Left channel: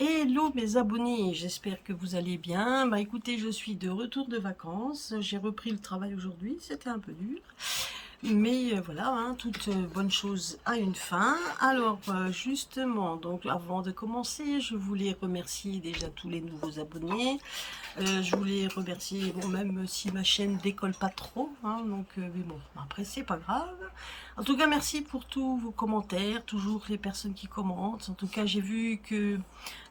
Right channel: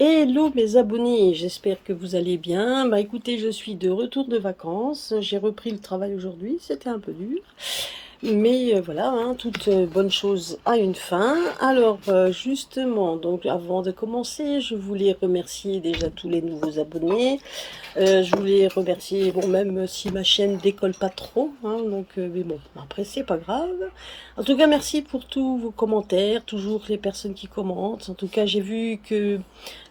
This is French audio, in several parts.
Hello mes abonnés, j'espère que vous allez bien. Bah écoutez, je suis de retour de vacances. J'ai repris le travail aujourd'hui, c'était un peu dur. Mais voilà, hein, toute bonne chose a une fin. Alors justement, donc avant de commencer, je voulais remercier déjà tous les nouveaux abonnés. Je voulais remercier, bon, même si ma chaîne décolle pas trop, hein, donc, mais bon, après, c'est pas grave. En tout cas, merci pour tous vos commentaires, toujours les personnes qui commentent. En tout cas, j'ai vu que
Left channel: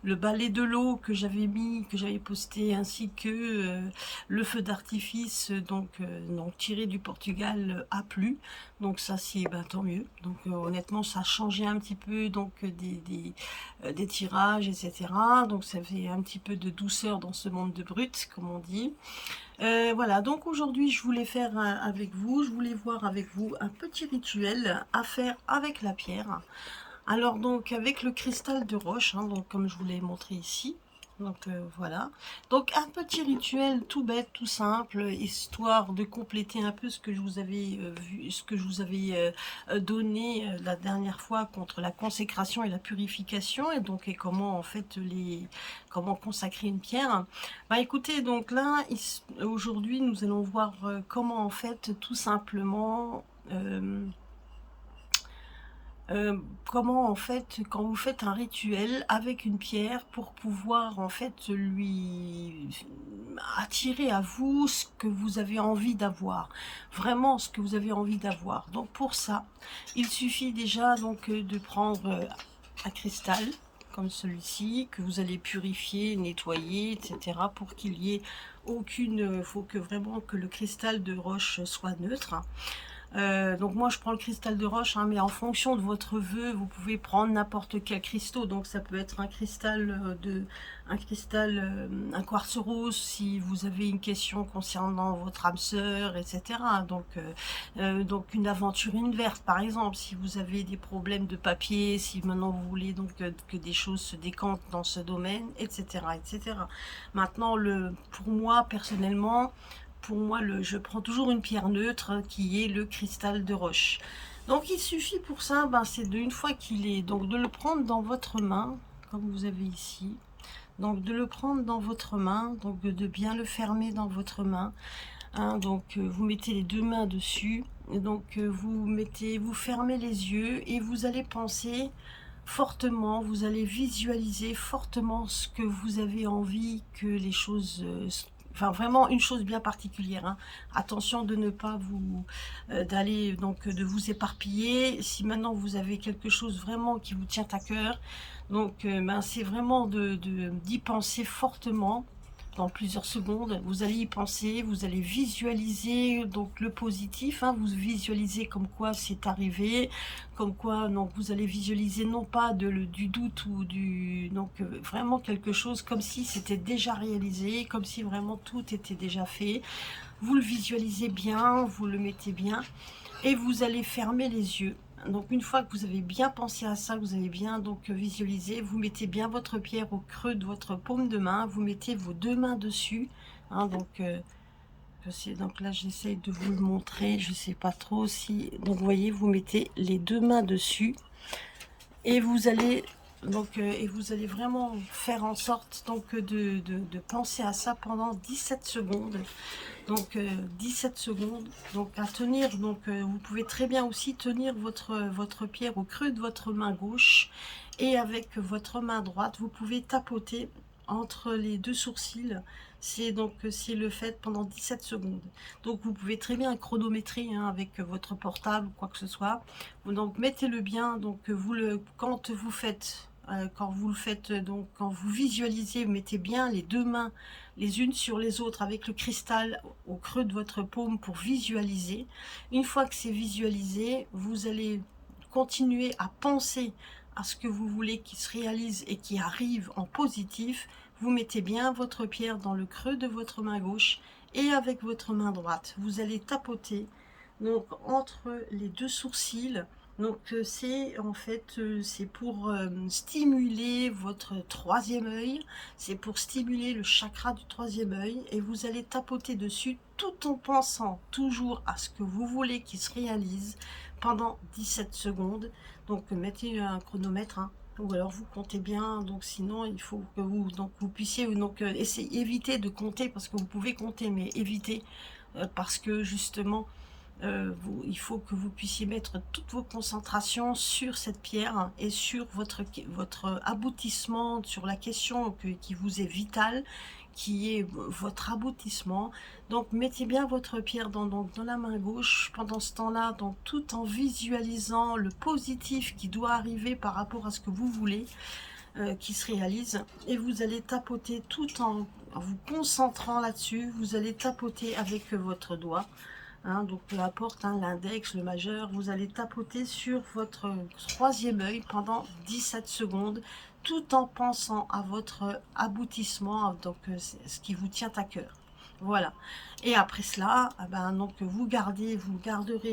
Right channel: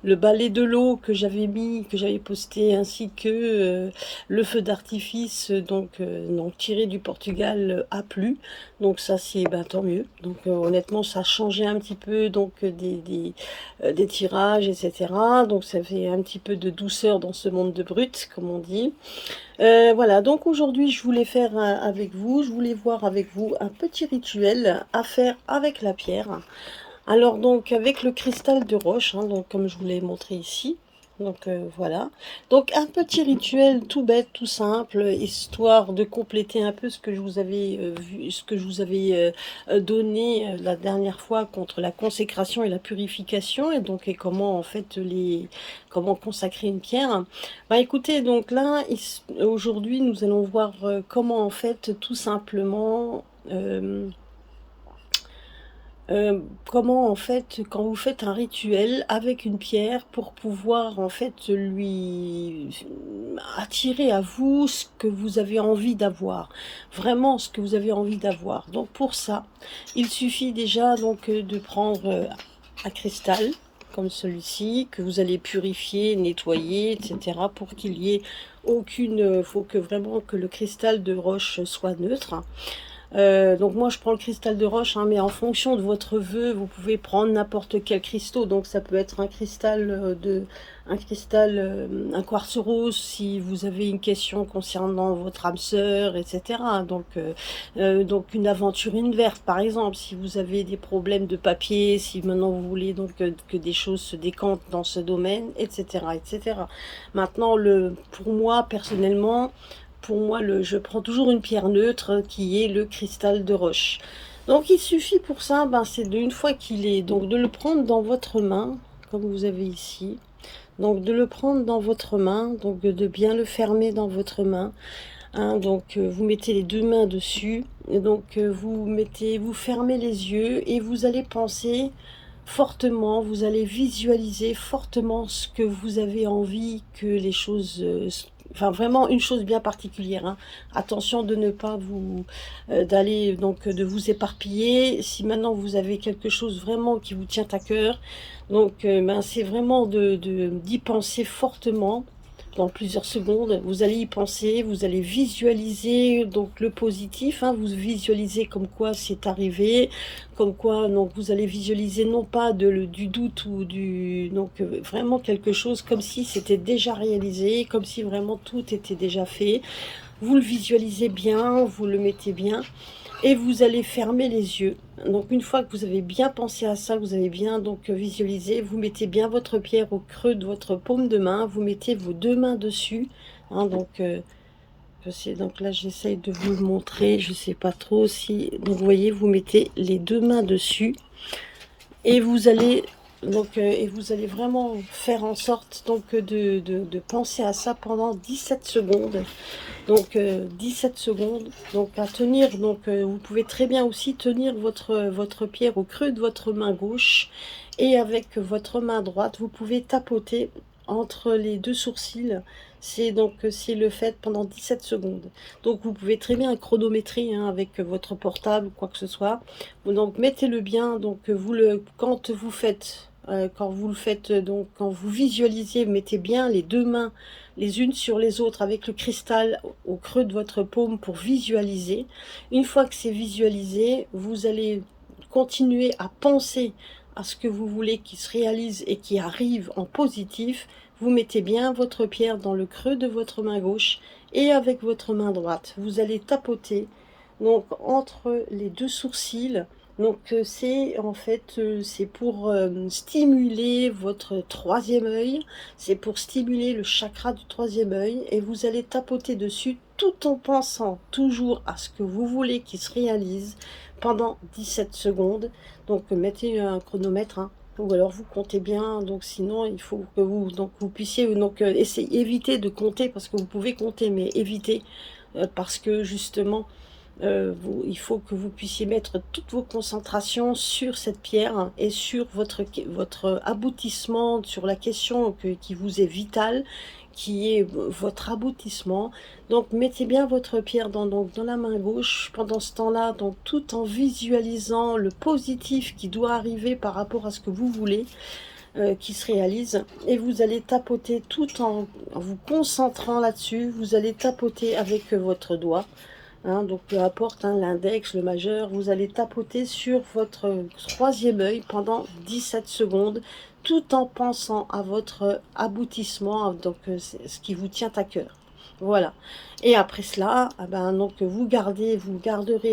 le balai de l'eau que j'avais mis, que j'avais posté, ainsi que le feu d'artifice, donc tiré du Portugal, a plu. Donc ça, c'est ben, tant mieux. Donc honnêtement, ça a changé un petit peu donc des tirages, etc. Donc ça fait un petit peu de douceur dans ce monde de brut, comme on dit. Voilà, donc aujourd'hui, je voulais faire avec vous, je voulais voir avec vous un petit rituel à faire avec la pierre. Alors donc avec le cristal de roche, hein, donc comme je vous l'ai montré ici. Donc voilà. Donc un petit rituel tout bête, tout simple, histoire de compléter un peu ce que je vous avais vu, ce que je vous avais donné la dernière fois contre la consécration et la purification, et donc et comment en fait comment consacrer une pierre. Bah écoutez, donc là aujourd'hui nous allons voir comment en fait tout simplement comment en fait, quand vous faites un rituel avec une pierre pour pouvoir en fait lui attirer à vous ce que vous avez envie d'avoir, vraiment ce que vous avez envie d'avoir. Donc pour ça, il suffit déjà donc de prendre un cristal comme celui-ci que vous allez purifier, nettoyer, etc. pour qu'il y ait aucune, faut que vraiment que le cristal de roche soit neutre. Donc moi je prends le cristal de roche, hein, mais en fonction de votre vœu, vous pouvez prendre n'importe quel cristal. Donc ça peut être un cristal un quartz rose si vous avez une question concernant votre âme sœur, etc. Donc une aventurine verte par exemple, si vous avez des problèmes de papier, si maintenant vous voulez donc que des choses se décantent dans ce domaine, etc., etc. Maintenant pour moi personnellement, je prends toujours une pierre neutre qui est le cristal de roche. Donc il suffit pour ça, ben, c'est une fois qu'il est, donc de le prendre dans votre main, comme vous avez ici. Donc de le prendre dans votre main, donc de bien le fermer dans votre main. Hein, donc vous mettez les deux mains dessus, et donc vous fermez les yeux et vous allez penser fortement, vous allez visualiser fortement ce que vous avez envie que les choses, enfin vraiment une chose bien particulière, hein. Attention de ne pas vous, d'aller donc de vous éparpiller. Si maintenant vous avez quelque chose vraiment qui vous tient à cœur, donc ben, c'est vraiment d'y penser fortement dans plusieurs secondes. Vous allez y penser, vous allez visualiser donc le positif, hein, vous visualisez comme quoi c'est arrivé, comme quoi donc vous allez visualiser non pas du doute ou vraiment quelque chose comme si c'était déjà réalisé, comme si vraiment tout était déjà fait. Vous le visualisez bien, vous le mettez bien et vous allez fermer les yeux. Donc une fois que vous avez bien pensé à ça, vous avez bien donc visualisé, vous mettez bien votre pierre au creux de votre paume de main, vous mettez vos deux mains dessus, hein, donc là j'essaye de vous le montrer, je sais pas trop si, donc vous voyez, vous mettez les deux mains dessus et vous allez et vous allez vraiment faire en sorte donc de penser à ça pendant 17 secondes. Donc 17 secondes, donc à tenir, donc vous pouvez très bien aussi tenir votre pierre au creux de votre main gauche, et avec votre main droite, vous pouvez tapoter entre les deux sourcils. C'est donc c'est le fait pendant 17 secondes. Donc vous pouvez très bien chronométrer, hein, avec votre portable ou quoi que ce soit. Donc mettez-le bien, donc quand vous le faites, donc quand vous visualisez, mettez bien les deux mains les unes sur les autres avec le cristal au creux de votre paume pour visualiser. Une fois que c'est visualisé, vous allez continuer à penser à ce que vous voulez qui se réalise et qui arrive en positif. Vous mettez bien votre pierre dans le creux de votre main gauche et avec votre main droite, vous allez tapoter donc entre les deux sourcils. Donc c'est en fait c'est pour stimuler votre troisième œil, c'est pour stimuler le chakra du troisième œil, et vous allez tapoter dessus tout en pensant toujours à ce que vous voulez qu'il se réalise pendant 17 secondes. Donc mettez un chronomètre, hein. ou alors vous comptez bien, donc sinon il faut que vous puissiez donc éviter de compter, parce que vous pouvez compter, mais évitez, parce que justement, il faut que vous puissiez mettre toutes vos concentrations sur cette pierre et sur votre aboutissement, sur la question qui vous est vitale, qui est votre aboutissement. Donc mettez bien votre pierre donc, dans la main gauche pendant ce temps-là, donc tout en visualisant le positif qui doit arriver par rapport à ce que vous voulez, qui se réalise. Et vous allez tapoter tout en vous concentrant là-dessus. Vous allez tapoter avec votre doigt. Donc peu importe, l'index, le majeur, vous allez tapoter sur votre troisième œil pendant 17 secondes, tout en pensant à votre aboutissement, donc ce qui vous tient à cœur. Voilà. Et après cela, donc vous garderez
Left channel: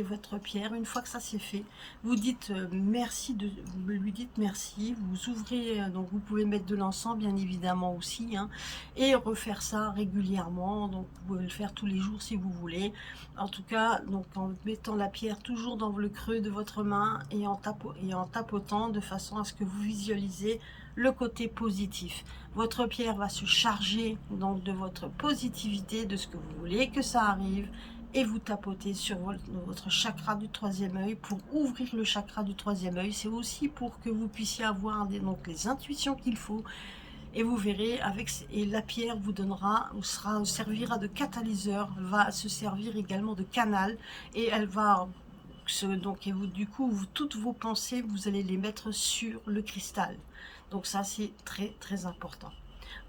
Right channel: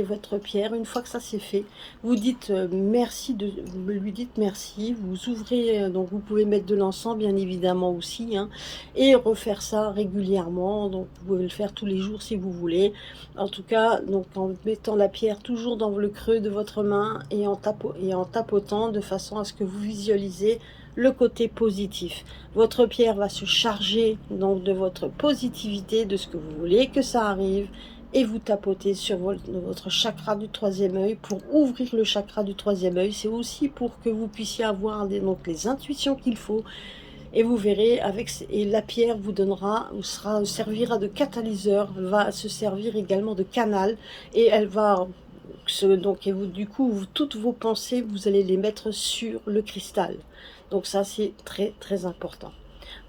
votre pierre. Une fois que ça c'est fait, vous dites merci, vous lui dites merci. Vous ouvrez, donc vous pouvez mettre de l'encens bien évidemment aussi, et refaire ça régulièrement. Donc vous pouvez le faire tous les jours si vous voulez. En tout cas, donc en mettant la pierre toujours dans le creux de votre main et en tapotant de façon à ce que vous visualisez le côté positif. Votre pierre va se charger donc de votre positivité, de ce que vous voulez que ça arrive, et vous tapotez sur votre chakra du troisième œil pour ouvrir le chakra du troisième œil. C'est aussi pour que vous puissiez avoir donc les intuitions qu'il faut. Et vous verrez, et la pierre vous donnera, ou servira de catalyseur, va se servir également de canal, et elle va donc, du coup, toutes vos pensées, vous allez les mettre sur le cristal. Donc ça, c'est très très important.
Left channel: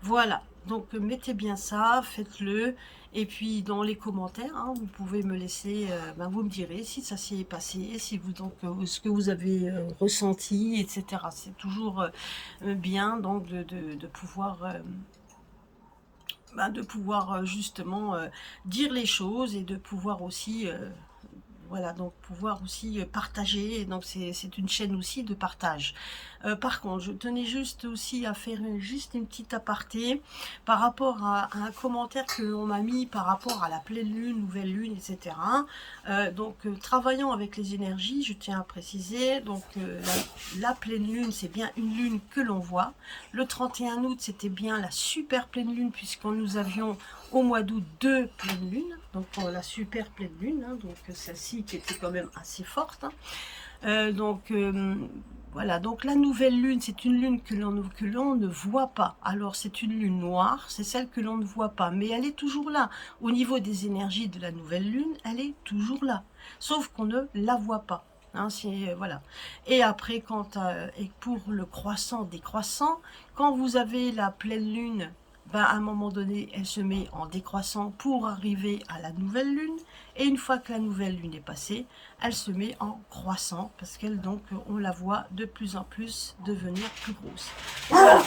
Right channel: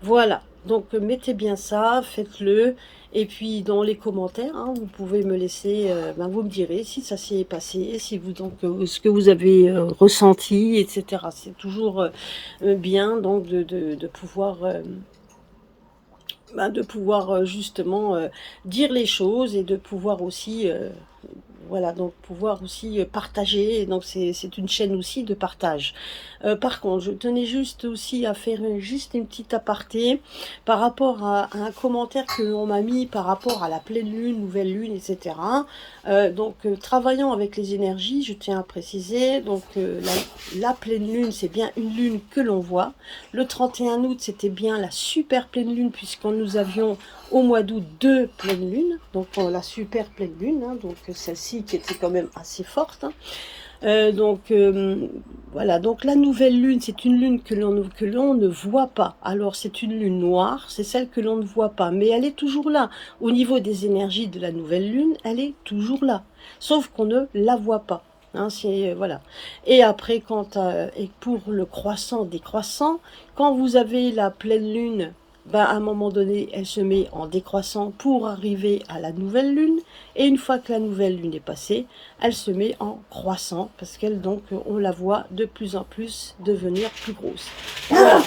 Voilà, donc mettez bien ça, faites-le. Et puis dans les commentaires, vous pouvez me laisser, vous me direz si ça s'est passé, si vous donc ce que vous avez ressenti, etc. C'est toujours bien donc de pouvoir justement dire les choses, et de pouvoir aussi voilà, donc pouvoir aussi partager. Et donc c'est une chaîne aussi de partage. Par contre, je tenais juste aussi à faire juste une petite aparté par rapport à un commentaire que l'on m'a mis par rapport à la pleine lune, nouvelle lune, etc. Travaillant avec les énergies, je tiens à préciser, donc la pleine lune, c'est bien une lune que l'on voit. Le 31 août, c'était bien la super pleine lune, puisqu'on nous avions au mois d'août 2 pleines lunes, donc la super pleine lune, donc celle-ci qui était quand même assez forte. Voilà, donc la nouvelle lune, c'est une lune que l'on ne voit pas. Alors c'est une lune noire, c'est celle que l'on ne voit pas, mais elle est toujours là. Au niveau des énergies de la nouvelle lune, elle est toujours là, sauf qu'on ne la voit pas. Voilà. Et après, et pour le croissant décroissant, quand vous avez la pleine lune, à un moment donné, elle se met en décroissant pour arriver à la nouvelle lune. Et une fois que la nouvelle lune est passée, elle se met en croissant, parce qu'elle, donc, on la voit de plus en plus devenir plus grosse. Voilà.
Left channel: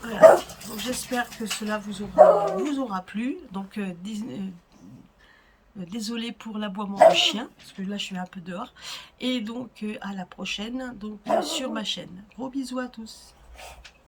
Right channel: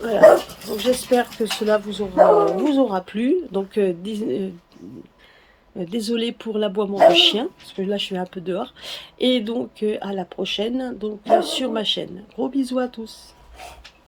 Voilà. Donc j'espère que cela vous aura plu. Donc désolée pour l'aboiement du chien, parce que là je suis un peu dehors. Et donc à la prochaine, donc sur ma chaîne. Gros bisous à tous.